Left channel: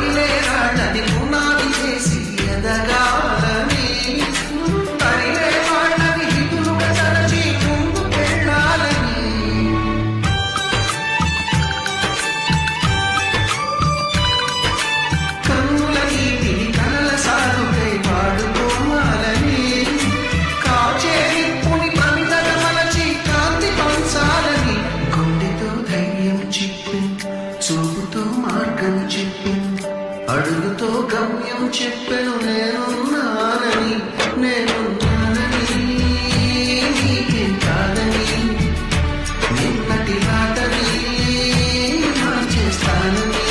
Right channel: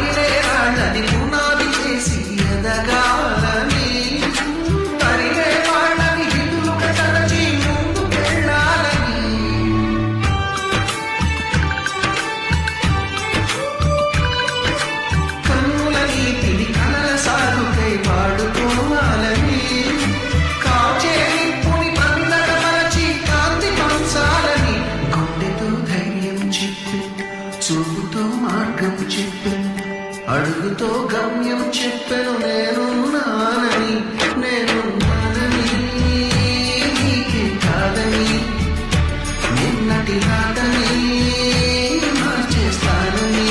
పగిలే రాళ్ళని పునాది చేసి ఎదగాలని, తరిగే వాళ్ళని హితులుగా తలచి ముందుకెళ్ళాలని, కన్నుల నీటిని కలల సాగుకై వాడుకోవాలని, కాచే నిప్పుని ప్రమిదగా మలచి కాంతి పంచాలని, గుండెతో ధైర్యం చెప్పి చూపుతో మార్గం చెప్పెను, అడుగుతో గమ్యం చెప్పెను, నేనున్నానని నీకేం కాదని, నిన్నటి రాతని మార్చేస్తానని.